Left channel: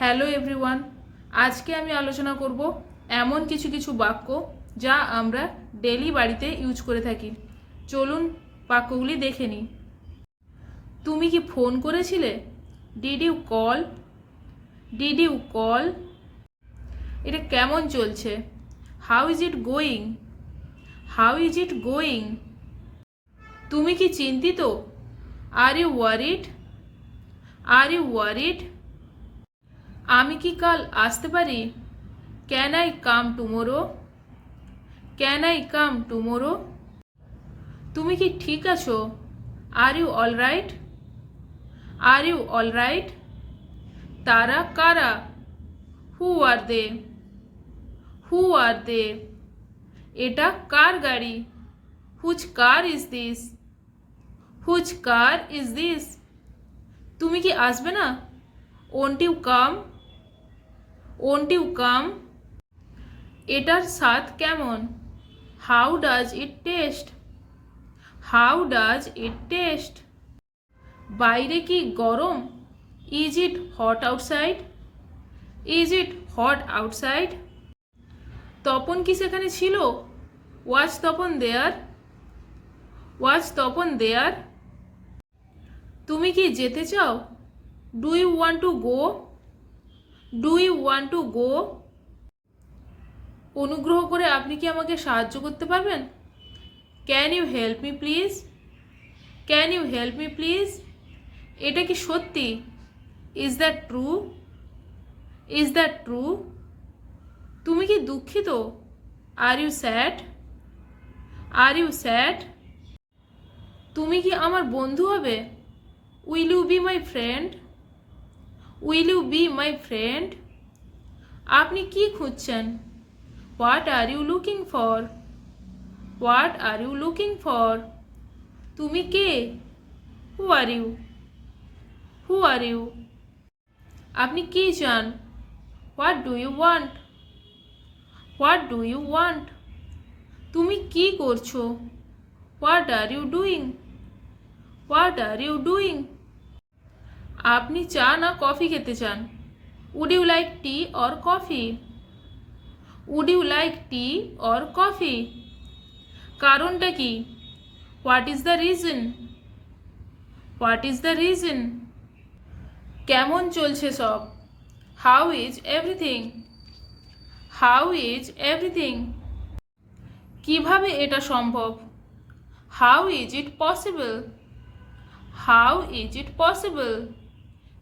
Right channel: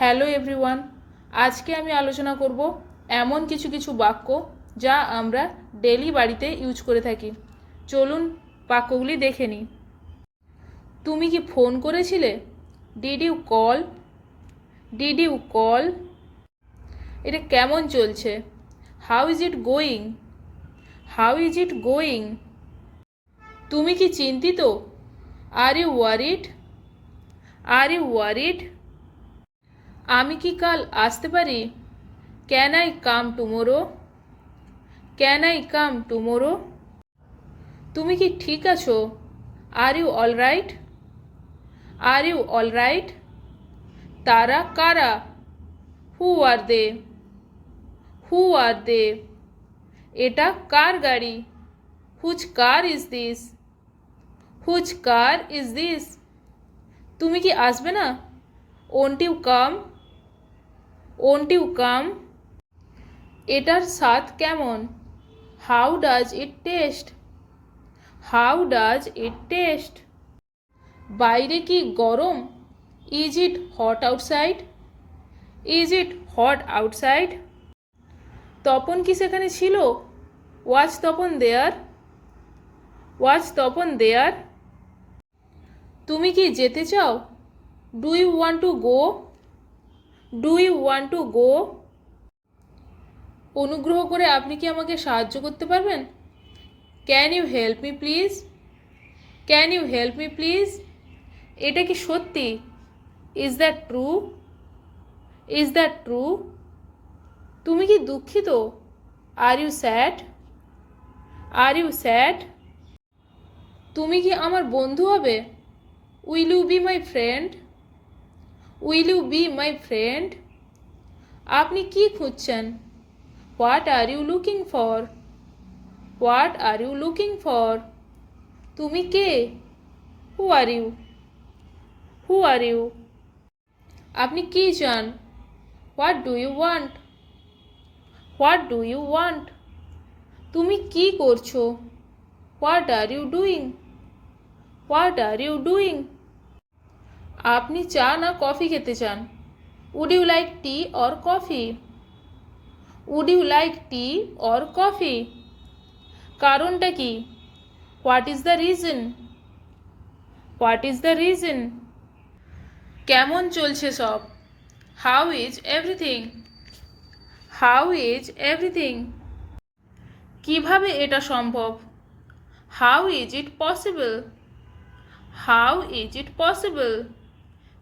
Hello everyone, আজকে আমি আলোচনা করব এমন কিছু কিছু বাক্য যা আমরা ডেলি বাড়িতে ইউজ করে থাকি। চলুন বাক্যগুলি দেখে নিই। তুমি কি ফোন করেছিলে? Did you call? Did you call? এটা কেমন চলছে? How is it going? How is it going? তুমি কি চিন্তিত? Are you worried? Are you worried? আমি কি কাল আসতে পারি? Can I come tomorrow? Can I come tomorrow? তুমি কি ঠিক আছো? Are you all right? Are you all right? তারা কারা? হু আর দে? হু আর দে? এটা কার গাড়ি? Whose car is this? Whose car is this? তুমি কি আসবে না? Won't you come? Won't you come? এটার স্বাদ কেমন? How does it taste? How does it taste? বাইরে কি গরম? Is it hot outside? Is it hot outside? Tapan কি সেখানে ছিল? ওয়াজ তপন দেয়ার? ওয়াজ তপন দেয়ার? তুমি কি যেতে চাও? Do you want to go? Do you want to go? অনুগ্রহ করে আপনি কি আমাকে সাহায্য করতে পারবেন? Can you help me please? Can you help me please? এটা কি সত্যি? Is that true? Is that true? তুমি কি দুঃখিত? Are you sad? Are you sad? তুমি কি আমার বন্ধু হবে? Will you be my friend? Will you be my friend? আপনি কি খুঁজছেন? What are you looking for? What are you looking for? তুমি কে? হু are you? Who are you? আপনি কি চান? What do you want? What do you want? তুমি কি করছো? What are you doing? What are you doing? আপনি চা না কফি খেতে চান? Would you like tea or coffee? Would you like tea or coffee? কারণটা কি? What is the reason? What is the reason? কেমন চলছে সব? How is everything? How is everything? কিভাবে এটা সম্ভব? How is it possible? How is it possible?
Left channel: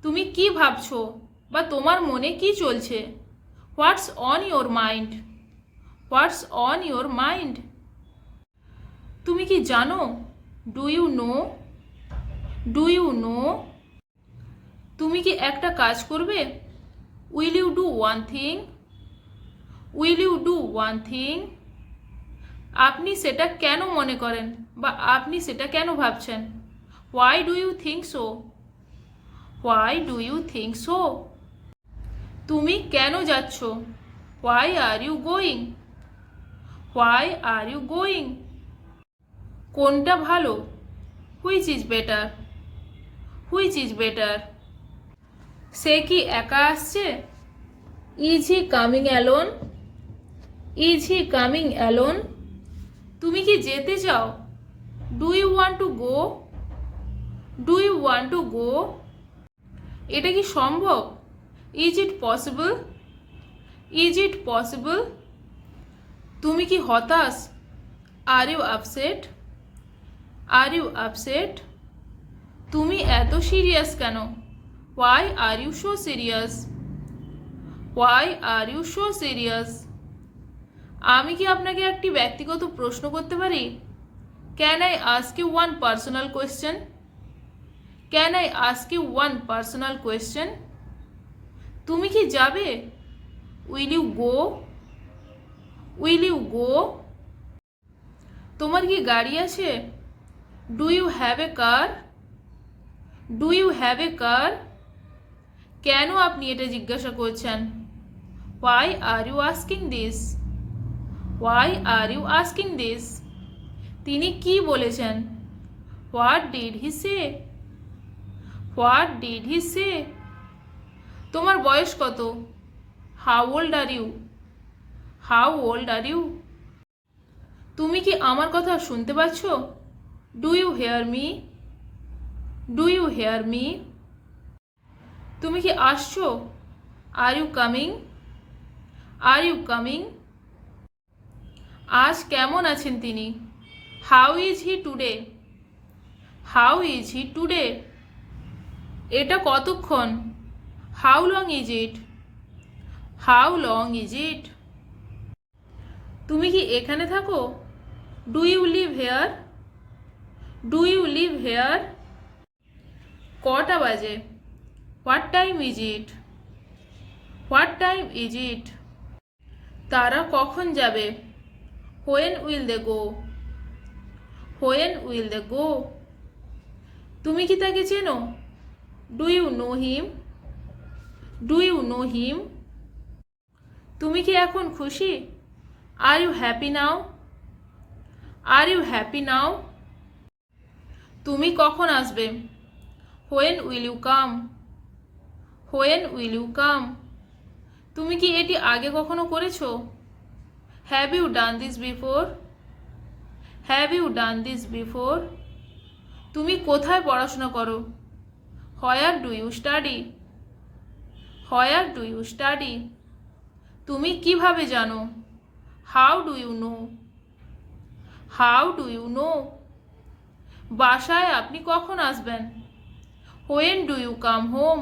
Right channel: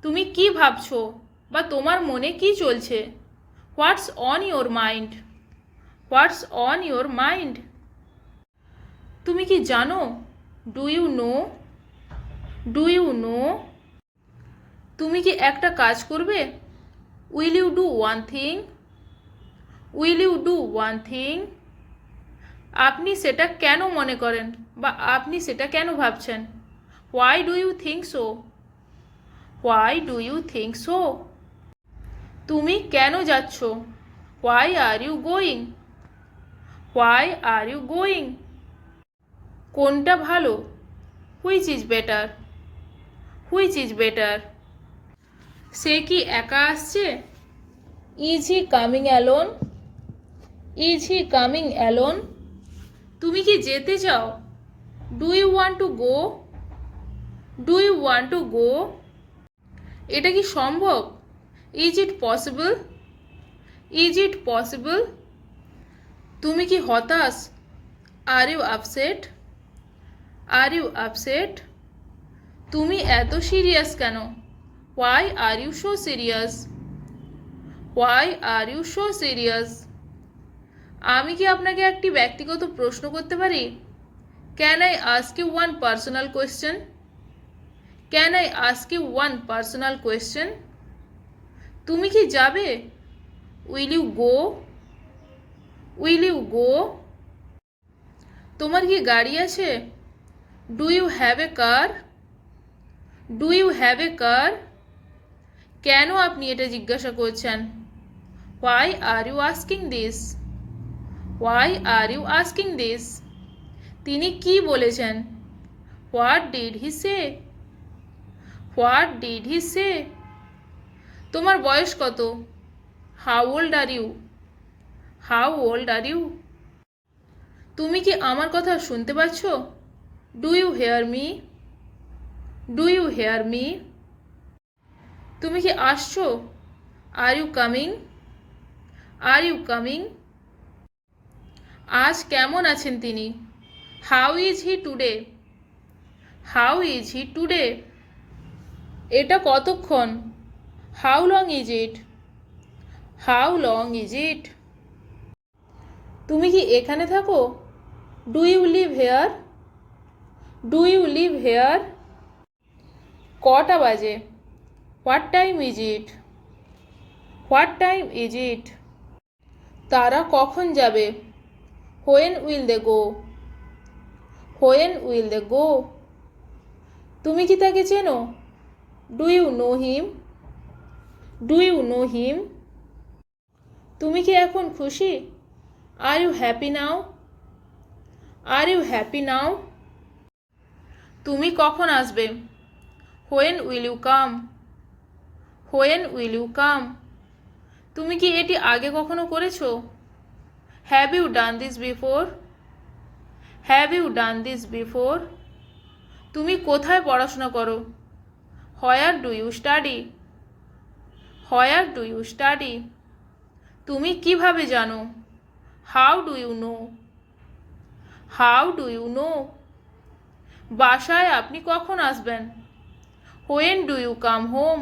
তুমি কি ভাবছো বা তোমার মনে কি চলছে? What's on your mind? What's on your mind? তুমি কি জানো? Do you know? Do you know? তুমি কি একটা কাজ করবে? Will you do one thing? Will you do one thing? আপনি সেটা কেন মনে করেন বা আপনি সেটা কেন ভাবছেন? Why do you think so? Why do you think so? তুমি কেন যাচ্ছ? Why are you going? Why are you going? কোনটা ভালো? Which is better? Which is better? সে কি একা আসছে? Is he coming alone? Is he coming alone? তুমি কি যেতে চাও? Do you want to go? Do you want to go? এটা কি সম্ভব? Is it possible? Is it possible? তুমি কি হতাশ? Are you upset? Are you upset? তুমি এত সিরিয়াস কেন? Why are you so serious? Why are you so serious? আমি কি আপনাকে একটি ব্যক্তিগত প্রশ্ন করতে পারি? Can I ask you one personal question? Can I ask you one personal question? তুমি কি যাবে? Will you go? Will you go? তোমার কি গাড়ি আছে? Do you have a car? Do you have a car? কেন আপনি এটা জিজ্ঞাসা করছেন? Why are you asking this? Why are you asking this? তিনি কি বলেছেন? What did he say? What did he say? তোমার বয়স কত? How old are you? How old are you? তুমি কি আমার কথা শুনতে পাচ্ছ? Do you hear me? Do you hear me? তুমি কি আসছো? Are you coming? Are you coming? আজ কেমন আছেন তিনি? How is he today? How is he today? এটা কতক্ষণ? How long is it? How long is it? তুমি কি এখানে থাকো? Do you live here? Do you live here? কটা বাজে? What time is it? What time is it? তারা কখন যাবে? When will they go? When will they go? তুমি কি তাকে চেনো? Do you know him? Do you know him? তুমি কি এখন খুশি? Are you happy now? Are you happy now? তুমি কখন আসবে? When will you come? When will you come? তুমি কি এটি আগে কখনো করেছো? Have you done this before? Have you done this before? তুমি কোথায় পড়াশোনা করো? Where do you study? Where do you study? তুমি কিভাবে জানো? How do you know? How do you know? বাসায় আপনি কখন আসবেন? When do you come home?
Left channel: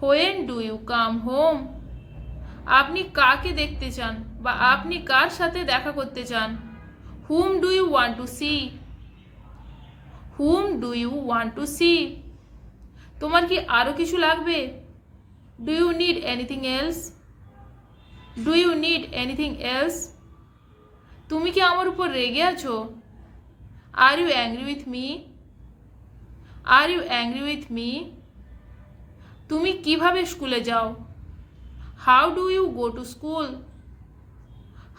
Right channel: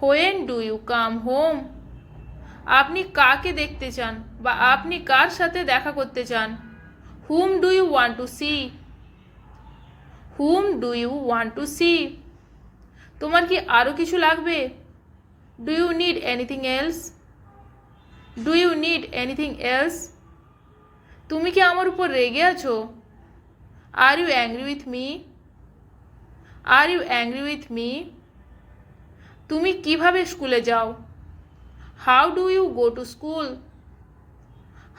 When do you come home? আপনি কাকে দেখতে চান বা আপনি কার সাথে দেখা করতে চান? Hmm do you want to see? Hmm do you want to see? তোমার কি আরও কিছু লাগবে? Do you need anything else? Do you need anything else? তুমি কি আমার উপর রেগে আছো? Are you angry with me? Are you angry with me? তুমি কিভাবে স্কুলে যাও? How do you go to school?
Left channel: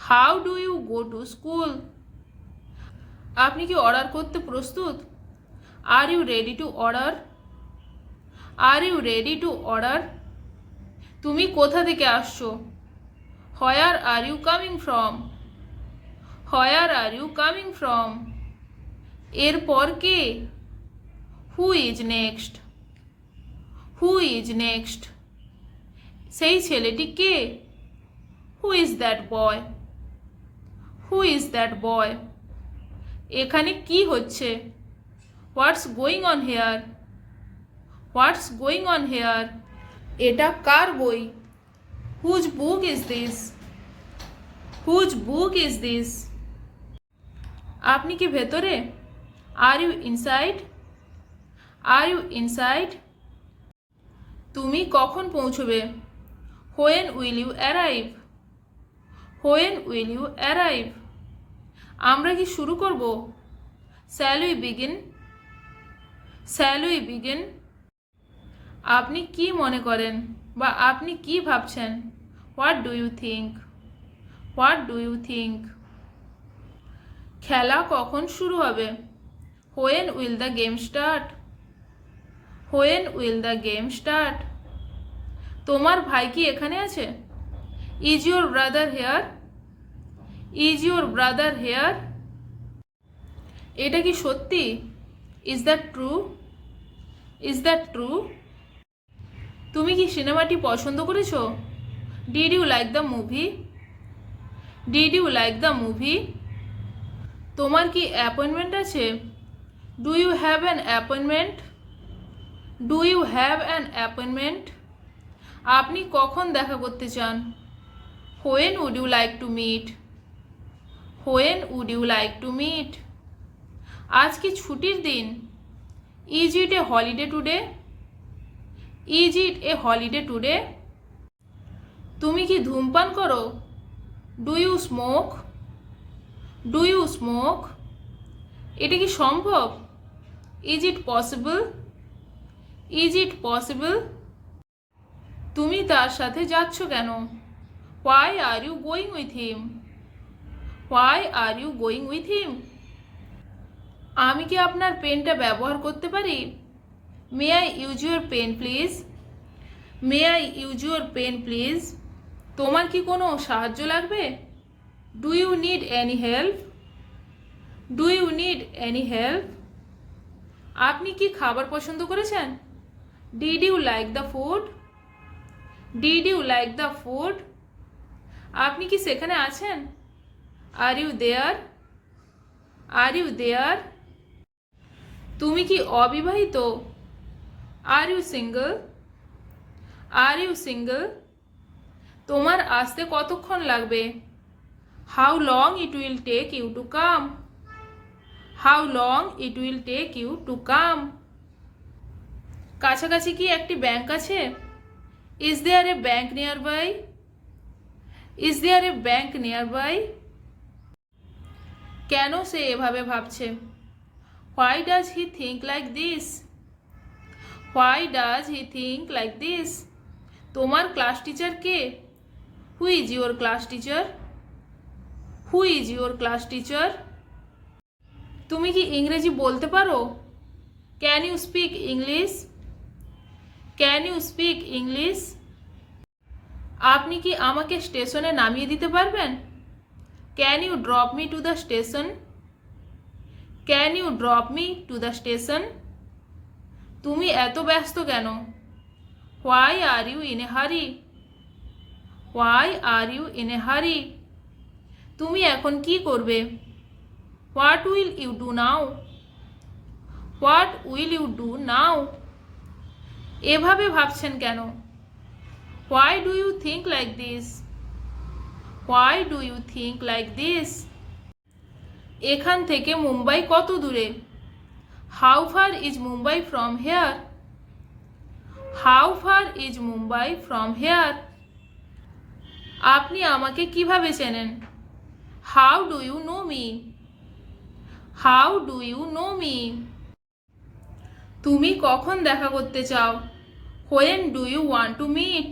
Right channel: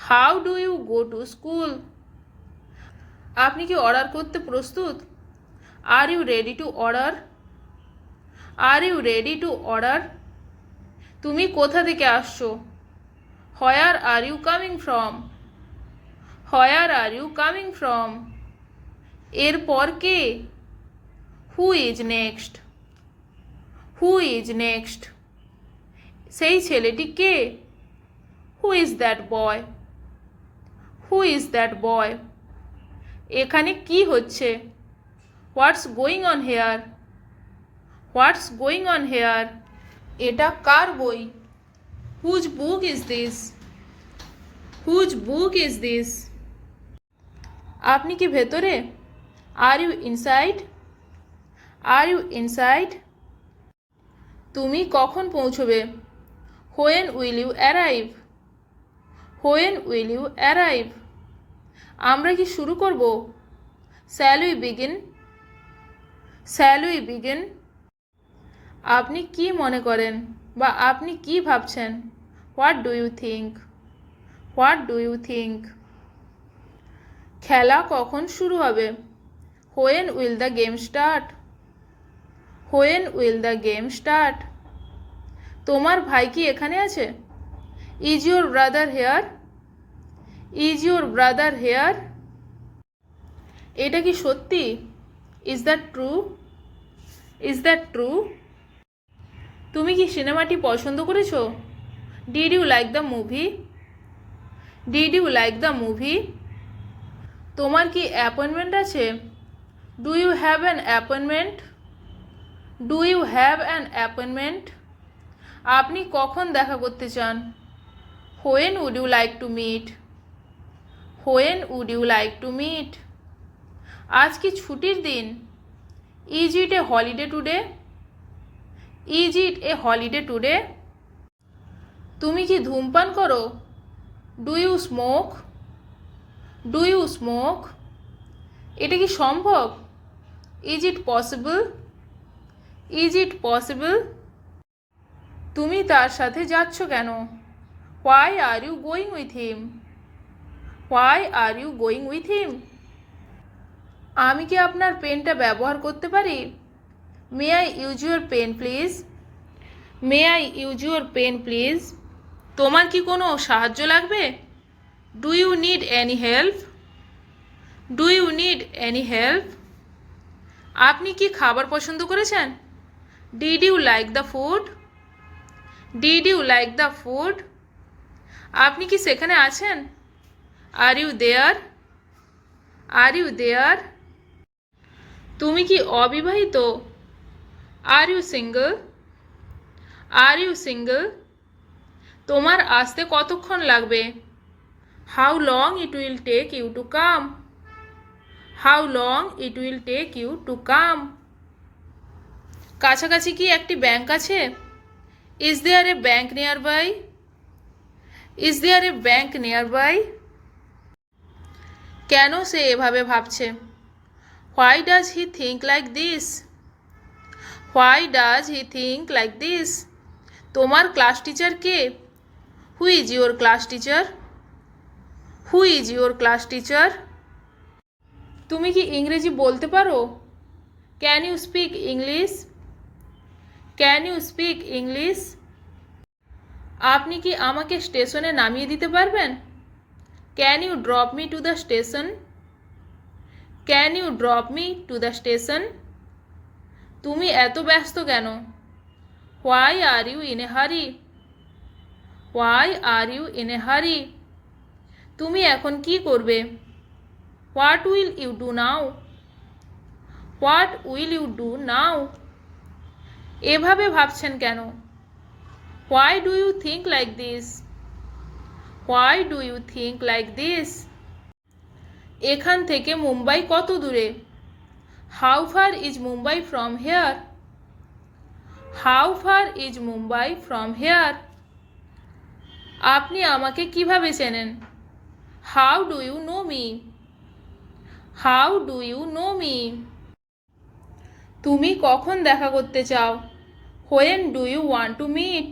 How do you go to school? আপনি কি অর্ডার করতে প্রস্তুত? Are you ready to order? Are you ready to order? তুমি কোথা থেকে আসছো? Where are you coming from? Where are you coming from? এরপর কে? Who is next? Who is next? সেই ছেলেটি কে? Who is that boy? Who is that boy? এখানে কি হচ্ছে? What's going on here? What's going on here? এটা কার বই? Whose book is this? Whose book is this? আপনি কি ভেতরে? Are you inside? R you inside? তুমি কখন পৌঁছবে? When will you arrive? When will you arrive? আমরা কি শুরু করব? Shall we begin? Shall we begin? আপনি কি মনে করেন বা আপনি কি ভাবছেন? What do you think? What do you think? খেলা কখন শুরু হবে? When will the game start? When will the game start? তোমার ভাই কি এখানে আছে? Is your brother here? Is your brother here? এটা কি সত্যি? Is that true? Is that true? তুমি কি সিনেমাটি পছন্দ করেছো? Did you like the movie? Did you like the movie? তোমার কি অ্যাপয়েন্টমেন্ট আছে? Do you have an appointment? Do you have an appointment? আপনি কখন দেখা করতে চান? When would you like to meet? When would you like to meet? আজ কি ছুটির দিন? Is it a holiday today? Is it a holiday today? তুমি কি ধূমপান করো? Do you smoke? Do you smoke? এটা কি সম্ভব? Is it possible? Is it possible? তুমি তার সাথে যাচ্ছ কেন? Why are you going with him? Why are you going with him? আমি কি আপনার পেনটা ব্যবহার করতে পারি? May I use your pen please? May I use your pen please? তোমার কি কোনো সাহায্য লাগবে? Do you need any help? Do you need any help? আপনি কি খাবার পছন্দ করেছেন? Did you like the food? Did you like the food? আপনি কি সেখানে আছেন? Are you there? Are you there? তুমি কি অবিবাহিত? Are you single? Are you single? তোমার আসতে কতক্ষণ লাগবে? How long it will take you to come? How long it will take you to come? কাছাকাছি কি একটি ব্যাংক আছে? Is there a bank nearby? Is there a bank nearby? কেন সে এভাবে ভাবছে? Why does he think like this? Why does he think like this? তোমার class teacher কে? Who is your class teacher? Who is your class teacher? তুমি কি ইংরেজি বলতে পারো? Can you speak English? Can you speak English? আপনি কি আমাকে স্টেশনে নামিয়ে দিতে পারবেন? Can you drop me to the station? Can you drop me to the station? তুমি এত ব্যস্ত কেন? Why are you in a হারি? Why are you in a hurry? তুমি এখন কি করবে? What will you do now? What will you do now? এভাবে ভাবছেন কেন? Why do you think like this? Why do you think like this? এখান থেকে মুম্বাই কত দূরে? How far is Mumbai from here? How far is Mumbai from here? আপনি আমাকে কিভাবে চেনেন? How do you know me? How do you know me? তুমি কখন দেখা করতে চাও? When do you want to meet?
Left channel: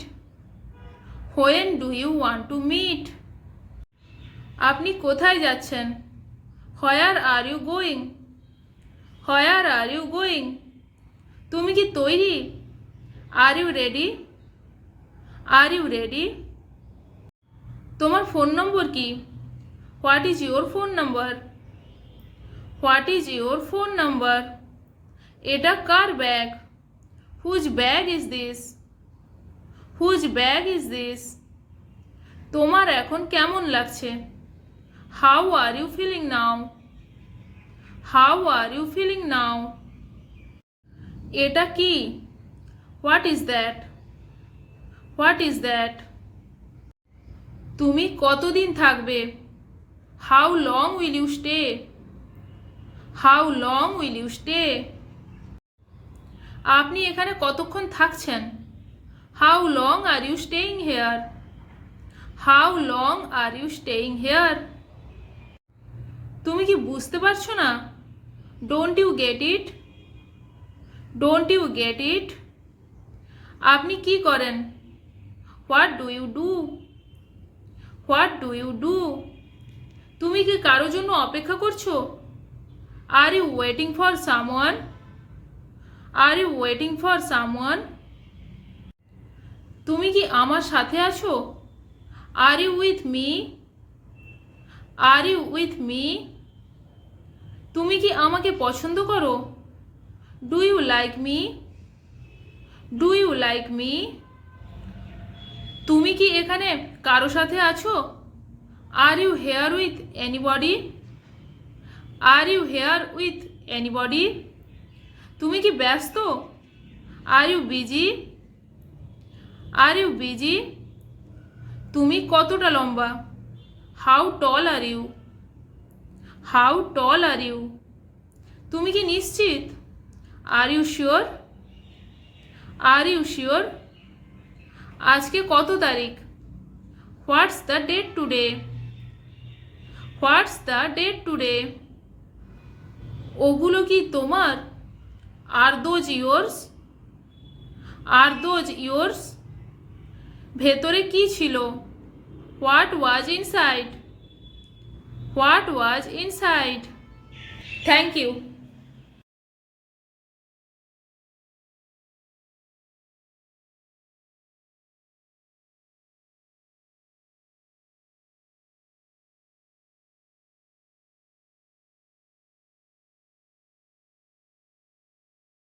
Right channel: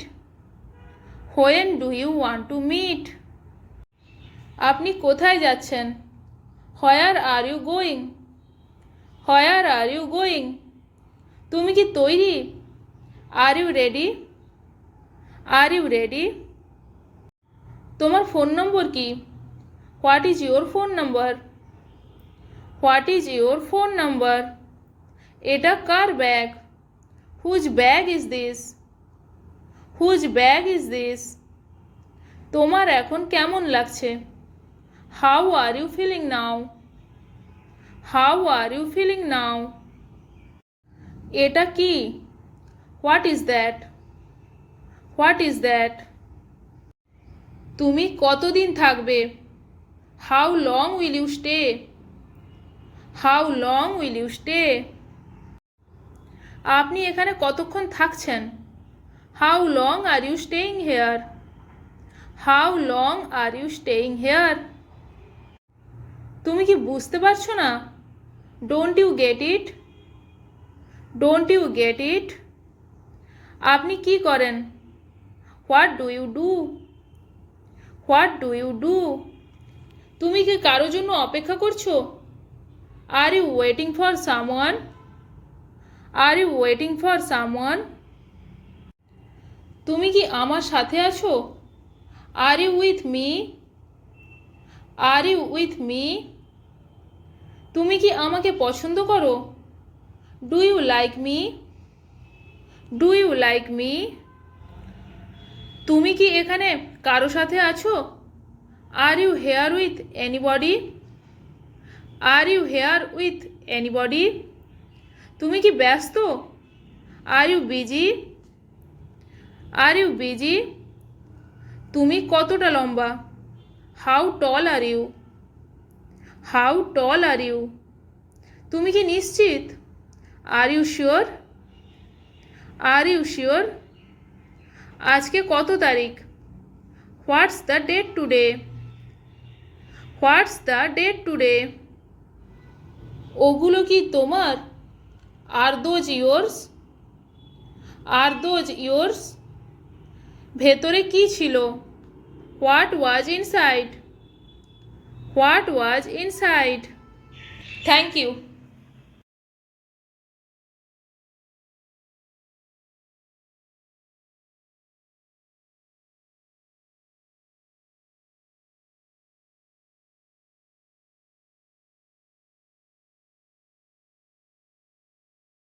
When do you want to meet? আপনি কোথায় যাচ্ছেন? Where are you going? Where are you going? তুমি কি তৈরি? Are you ready? Are you ready? তোমার ফোন নম্বর কি? What is your phone number? What is your phone number? এটা কার bag? Whose bag is this? Whose bag is this? তোমার এখন কেমন লাগছে? How are you feeling now? How are you feeling now? এটা কি? What is that? What is that? তুমি কতদিন থাকবে? How long will you stay? How long will you stay? আপনি এখানে কতক্ষণ থাকছেন? How long are you staying here? How long are you staying here? তুমি কি বুঝতে পারছো না? Don't you get it? Don't you get it? আপনি কি করেন? What do you do? What do you do? তুমি কি কারো জন্য অপেক্ষা করছো? আর you waiting for someone? Are you waiting for someone? তুমি কি আমার সাথে আছো? Are you with me? Are you with me? তুমি কি আমাকে পছন্দ করো? Do you like me? Do you like me? তুমি কি এখানে কারো সাথে আছো? Are you here with anybody? Are you here with anybody? তুমি কি ব্যস্ত? Are you busy? Are you busy? তুমি কতটা লম্বা? How tall are you? How tall are you? তুমি কি নিশ্চিত? Are you sure? Are you sure? আজকে কত তারিখ? What's the date today? What's the date today? ওগুলো কি তোমার? Are those yours? Are those yours? ভেতরে কি ছিল? What was inside? What was inside? Thank you.